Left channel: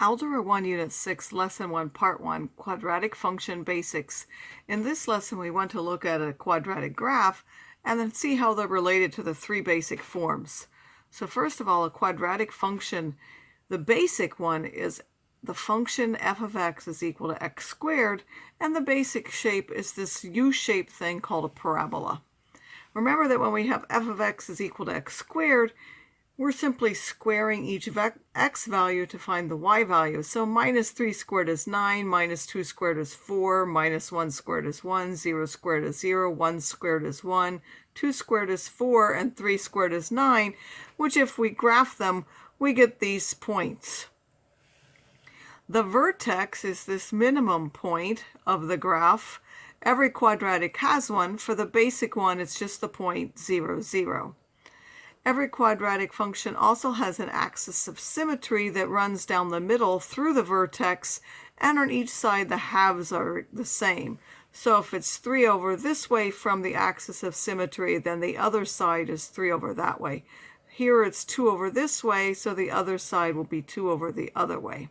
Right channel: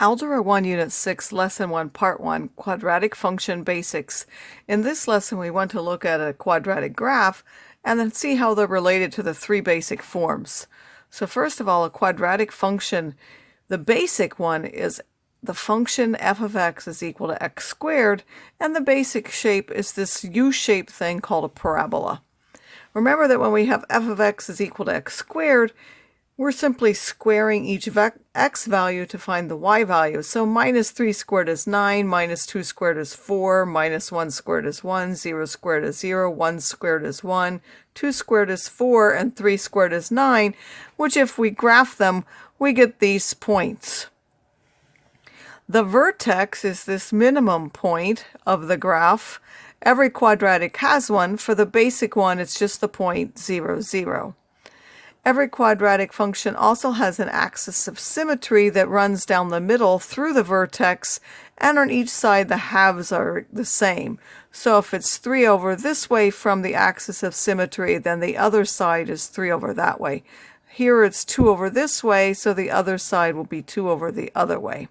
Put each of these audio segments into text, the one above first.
Algebra 1, Unit 6, Lesson 1, Part 1, Quadratic Function Basics. In this lesson, we want to look at a quadratic graph and then see how they're related to the three basic forms. So first of all, a quadratic function, the basic one is the function f of x is equal to x squared, and the basic shape is this U-shaped thing called a parabola. Remember that when we have f of x is equal to x squared, we're simply squaring each x value to find the y value. So minus 3 squared is 9, minus 2 squared is 4, minus 1 squared is 1, 0 squared is 0, 1 squared is 1, 2 squared is 4, and 3 squared is 9, which if we graph them, we get these points. The vertex is this minimum point of the graph. Every quadratic has one. For the basic one, it's just the point 0, 0. Every quadratic function also has an axis of symmetry that runs down the middle through the vertex, and on each side the halves are the same. So if it's 3 over this way from the axis of symmetry, then the other side is 3 over that way. Here it's 2 over this way, so the other side will be 2 over the other way.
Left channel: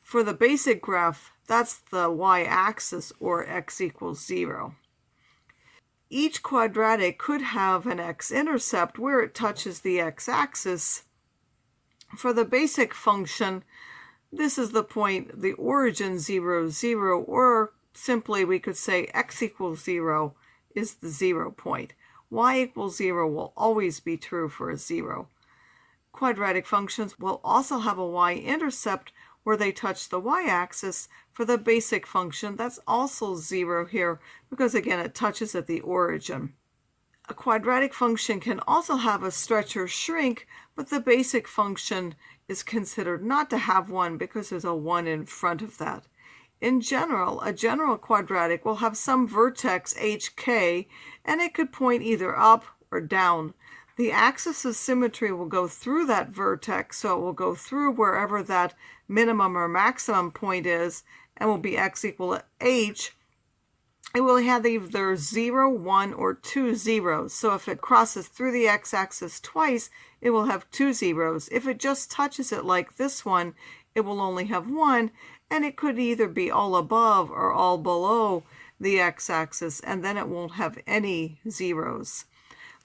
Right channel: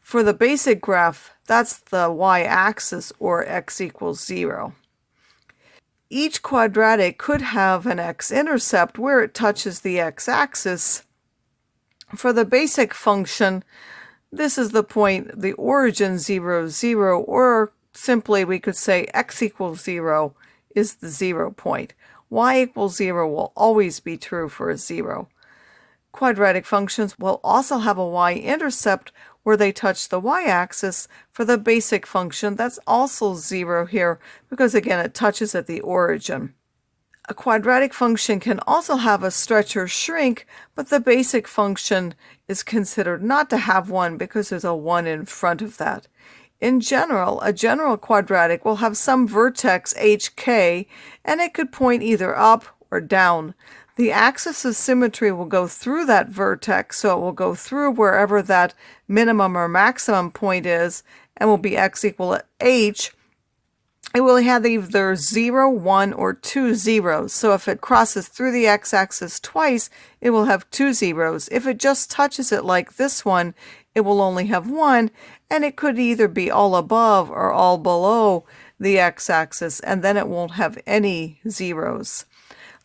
For the basic graph, that's the y-axis, or x equals 0. Each quadratic could have an x-intercept where it touches the x-axis. For the basic function, this is the point, the origin 0, 0, or simply we could say x equals 0 is the 0 point. Y equals 0 will always be true for a 0. Quadratic functions will also have a y-intercept where they touch the y-axis. For the basic function, that's also 0 here because, again, it touches at the origin. A quadratic function can also have a stretch or shrink, but the basic function is considered not to have one because there's a 1 in front of that. In general, a general quadratic will have some vertex hk, and it could point either up or down. The axis of symmetry will go through that vertex, so it will go through wherever that minimum or maximum point is, and will be x equal to h. It will have either 0, 1, or 2 zeros. So if it crosses through the x-axis twice, it will have 2 zeros. If it just touches it like this one, it will only have 1, and it could either be all above or all below the x-axis, and then it won't have any zeros.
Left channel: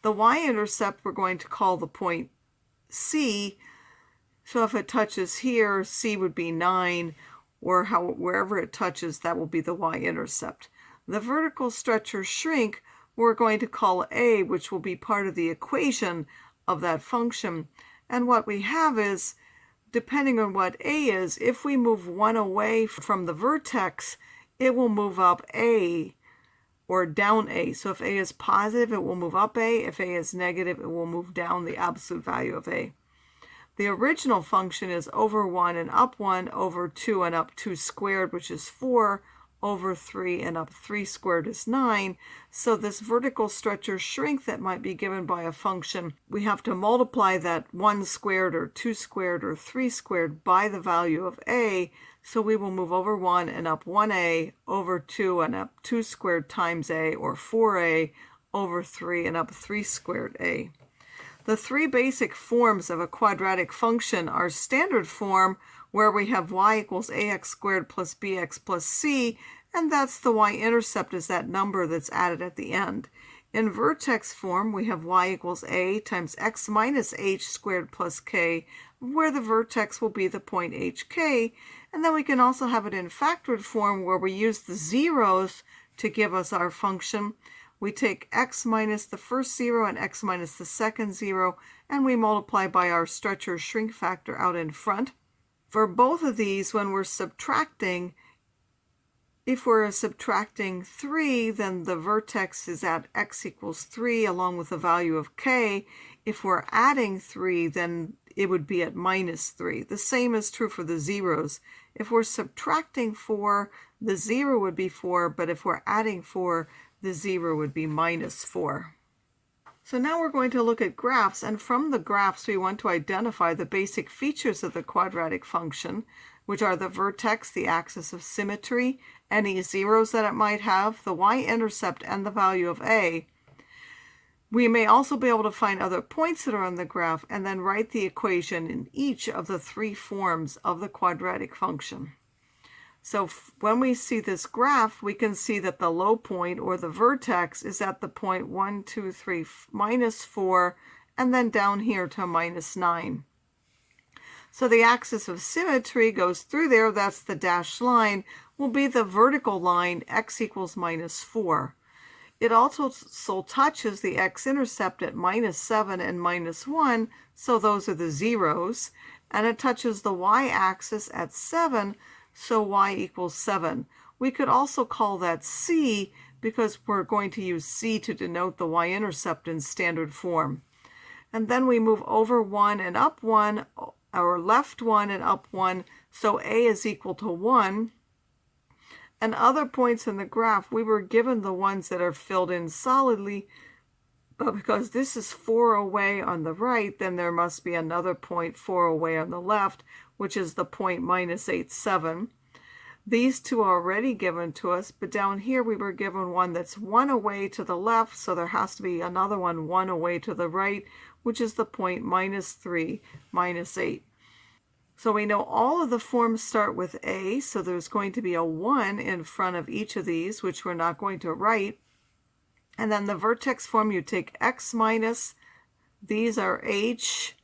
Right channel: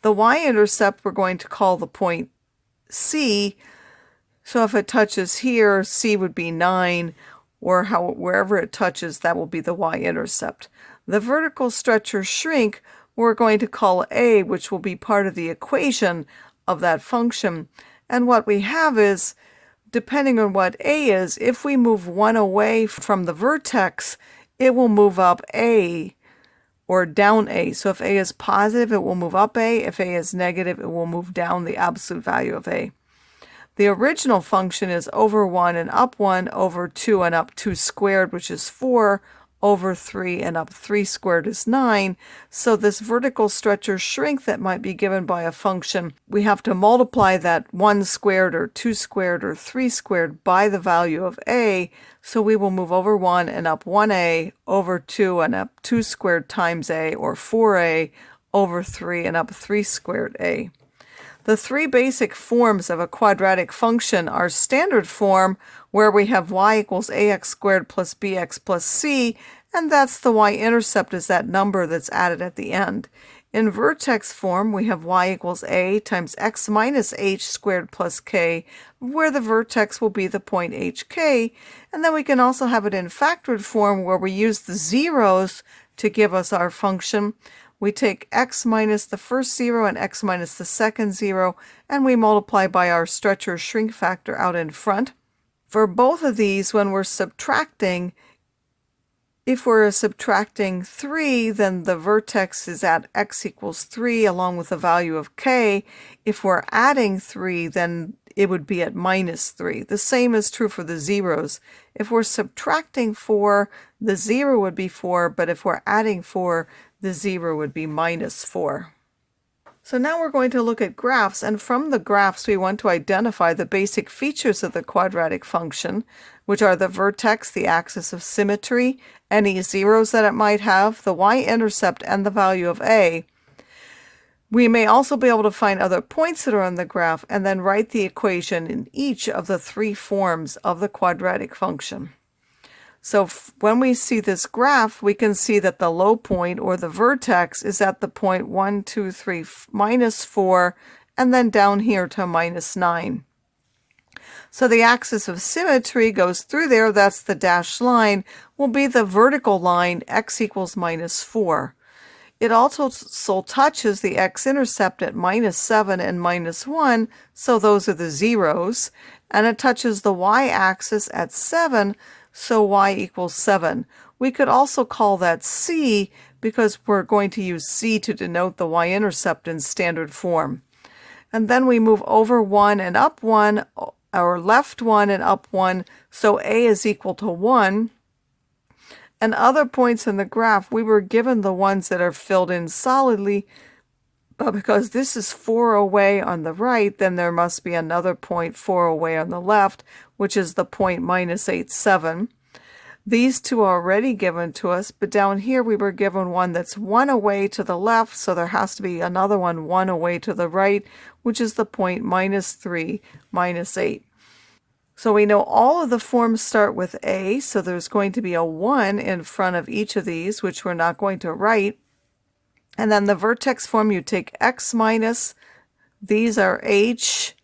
The y-intercept we're going to call the point C. So if it touches here, C would be 9, or wherever it touches, that will be the y-intercept. The vertical stretch or shrink we're going to call A, which will be part of the equation of that function. And what we have is, depending on what A is, if we move 1 away from the vertex, it will move up A or down A. So if A is positive, it will move up A. If A is negative, it will move down the absolute value of A. The original function is over 1 and up 1, over 2 and up 2 squared, which is 4, over 3 and up 3 squared is 9. So this vertical stretch or shrink that might be given by a function, we have to multiply that 1 squared or 2 squared or 3 squared by the value of A. So we will move over 1 and up 1A, over 2 and up 2 squared times A, or 4A, over 3 and up 3 squared A. The three basic forms of a quadratic function are standard form, where we have y equals ax squared plus bx plus c, and that's the y-intercept is that number that's added at the end. In vertex form, we have y equals a times x minus h squared plus k, where the vertex will be the point hk, and then we can also have it in factored form, where we use the zeros to give us our function. We take x minus the first 0 and x minus the second 0, and we multiply by our stretch or shrink factor out in front. For both of these, when we're subtracting, if we're subtracting 3, then the vertex is at x equals 3 along with the value of k. If we're adding 3, then it would be at minus 3. The same is true for the zeros. If we're subtracting 4, the 0 would be 4, but if we're adding 4, the 0 would be minus 4. So now we're going to look at graphs, and from the graphs we want to identify the basic features of the quadratic function, which are the vertex, the axis of symmetry, any zeros that it might have, the y-intercept, and the value of A. We may also be able to find other points that are on the graph and then write the equation in each of the three forms of the quadratic function. So when we see this graph, we can see that the low point, or the vertex, is at the point 1, 2, 3, minus 4, and then down here to minus 9. So the axis of symmetry goes through there. That's the dashed line, will be the vertical line, x equals minus 4. It also touches the x-intercept at minus 7 and minus 1, so those are the zeros. And it touches the y-axis at 7, so y equals 7. We could also call that c because we're going to use c to denote the y-intercept in standard form. And then we move over 1 and up 1, or left 1 and up 1, so a is equal to 1. And other points in the graph, we were given the ones that are filled in solidly, but because this is 4 away on the right, then there must be another point 4 away on the left, which is the point minus 8, 7. These two are already given to us, but down here we were given one that's 1 away to the left, so there has to be another one 1 away to the right, which is the point minus 3, minus 8. So we know all of the forms start with a, so there's going to be a 1 in front of each of these, which we're not going to write. And then the vertex form, you take x minus, these are h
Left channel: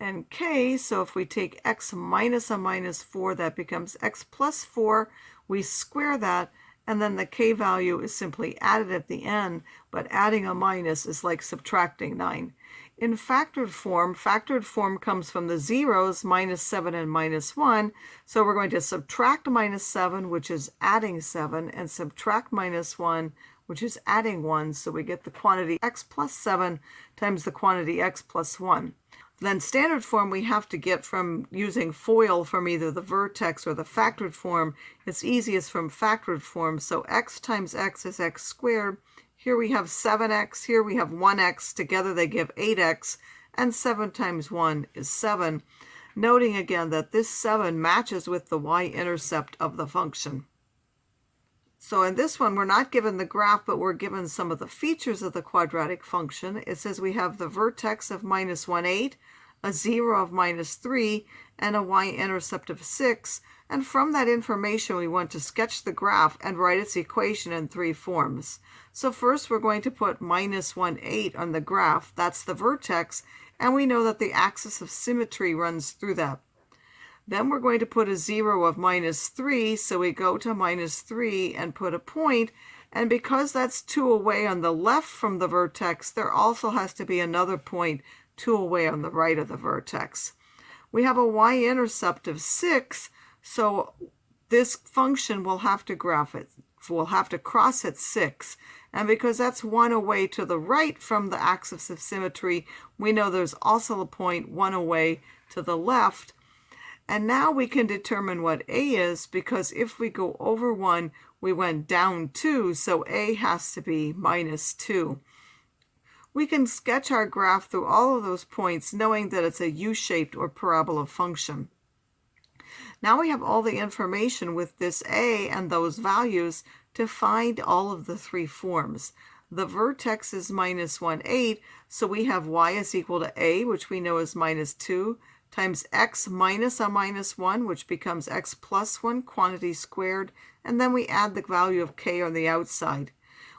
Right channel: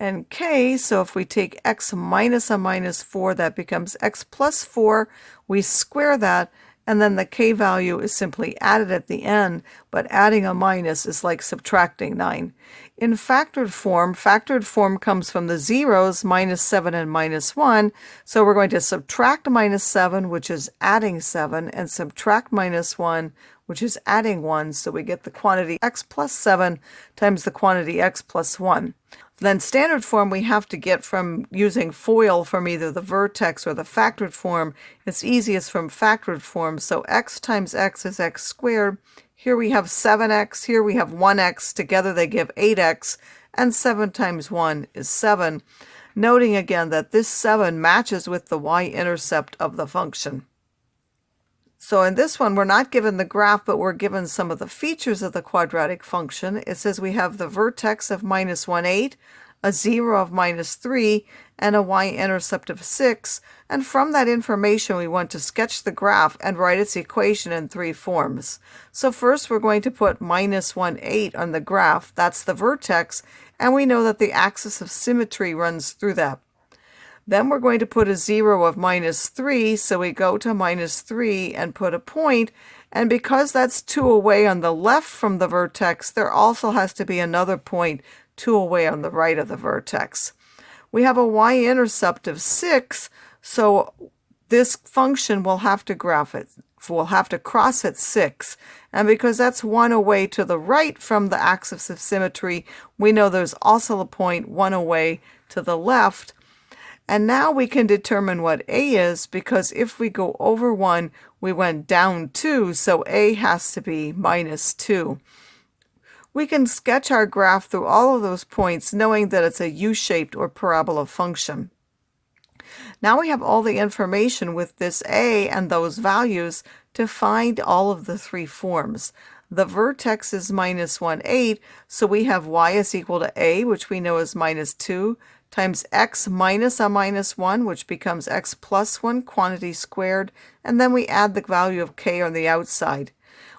and k, so if we take x minus a minus 4, that becomes x plus 4. We square that, and then the k value is simply added at the end, but adding a minus is like subtracting 9. In factored form comes from the zeros, minus 7 and minus 1, so we're going to subtract minus 7, which is adding 7, and subtract minus 1, which is adding 1, so we get the quantity x plus 7 times the quantity x plus 1. Then standard form we have to get from using FOIL from either the vertex or the factored form. It's easiest from factored form, so x times x is x squared. Here we have 7x, here we have 1x, together they give 8x, and 7 times 1 is 7. Noting again that this 7 matches with the y-intercept of the function. So in this one, we're not given the graph, but we're given some of the features of the quadratic function. It says we have the vertex of minus 1, 8, a 0 of minus 3, and a y-intercept of 6. And from that information, we want to sketch the graph and write its equation in three forms. So first, we're going to put minus 1, 8 on the graph. That's the vertex, and we know that the axis of symmetry runs through that. Then we're going to put a 0 of minus 3, so we go to minus 3 and put a point, and because that's 2 away on the left from the vertex, there also has to be another point 2 away on the right of the vertex. We have a y-intercept of 6, so this function will have to cross at 6, and because that's 1 away to the right from the axis of symmetry, we know there's also a point 1 away to the left. And now we can determine what a is, because if we go over 1, we went down 2, so a has to be minus 2. We can sketch our graph through all of those points, knowing that it's a u-shaped or parabola function. Now we have all the information with this a and those values to find all of the three forms. The vertex is minus 1, 8, so we have y is equal to a, which we know is minus 2, times x minus a minus 1, which becomes x plus 1, quantity squared, and then we add the value of k on the outside.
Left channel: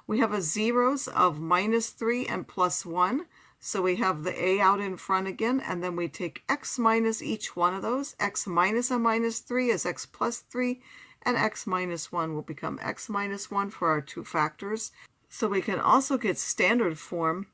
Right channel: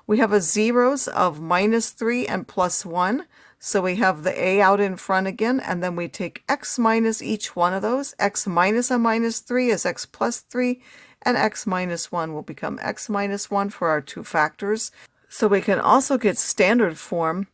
We have a zeros of minus 3 and plus 1, so we have the a out in front again, and then we take x minus each one of those. X minus a minus 3 is x plus 3, and x minus 1 will become x minus 1 for our two factors. So we can also get standard form.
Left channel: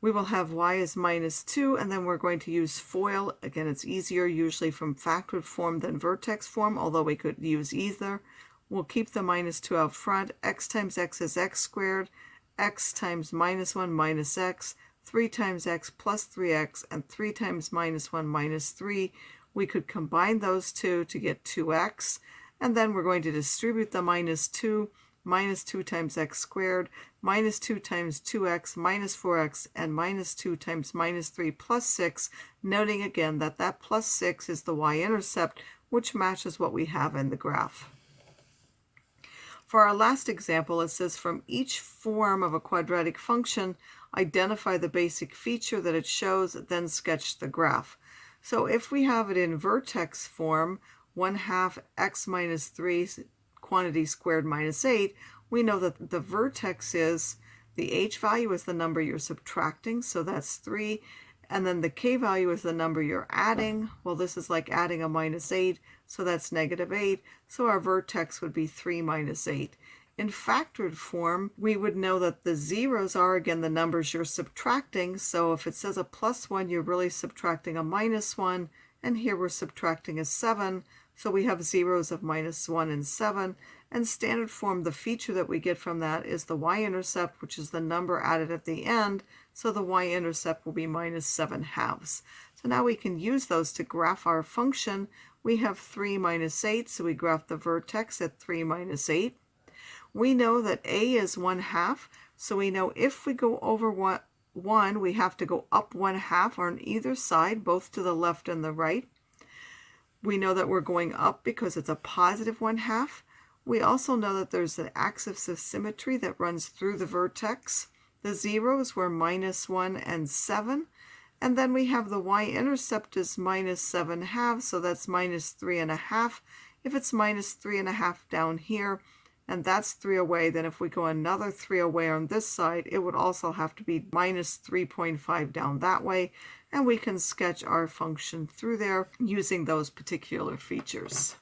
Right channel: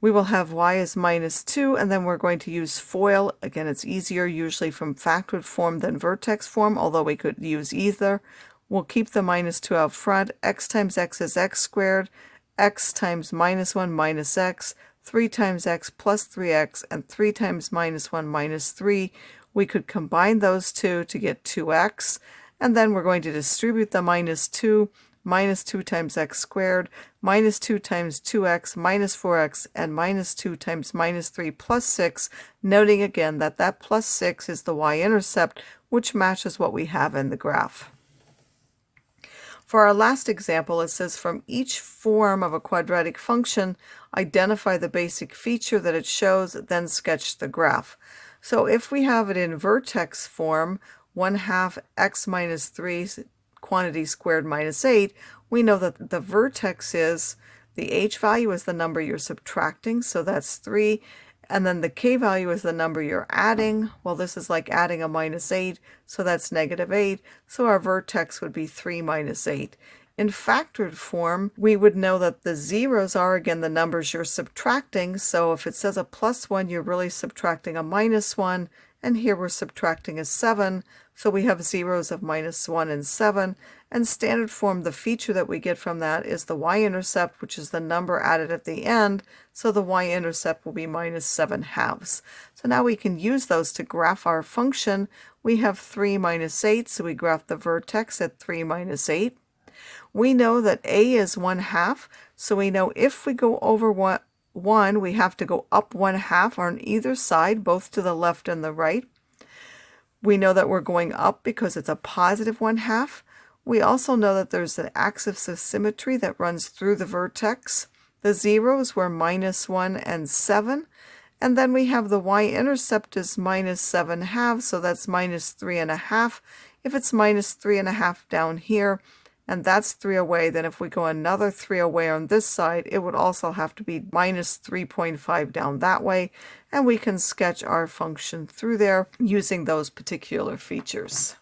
We will have y is minus 2, and then we're going to use FOIL. Again, it's easier usually from factored form than vertex form, although we could use either. We'll keep the minus 2 out front. X times x is x squared. X times minus 1 minus x. 3 times x plus 3x, and 3 times minus 1 minus 3. We could combine those two to get 2x, and then we're going to distribute the minus 2. Minus 2 times x squared, minus 2 times 2x, minus 4x, and minus 2 times minus 3 plus 6, noting again that that plus 6 is the y-intercept, which matches what we have in the graph. For our last example, it says from each form of a quadratic function, identify the basic feature that it shows, then sketch the graph. So if we have it in vertex form, 1/2 x minus 3 quantity squared minus 8, we know that the vertex is, the h value is the number you're subtracting, so that's 3, and then the k value is the number you're adding. Well, this is like adding a minus 8, so that's -8, so our vertex would be 3 minus 8. In factored form, we would know that the zeros are, again, the numbers you're subtracting, so if it says a +1, you're really subtracting a -1, and here we're subtracting a 7, so we have zeros of -1 and 7, and standard form, the feature that we get from that is the y-intercept, which is the number added at the end, so the y-intercept will be -7/2. So now we can use those to graph our function. We have 3 minus 8, so we graph the vertex at 3 minus 8. We know that a is 1/2, so we know if we go over 1, we have to go up 1/2 on either side, both to the left and the right. We know that we're going up because it's a positive 1/2. We also know that there's an axis of symmetry that runs through the vertex. The zeros were -1 and 7. And then we have the y-intercept is -7/2, so that's -3.5. If it's -3.5 down here, and that's 3 away, then if we go another 3 away on this side, it would also have to be -3.5 down that way, and we can sketch our function through there using those particular features.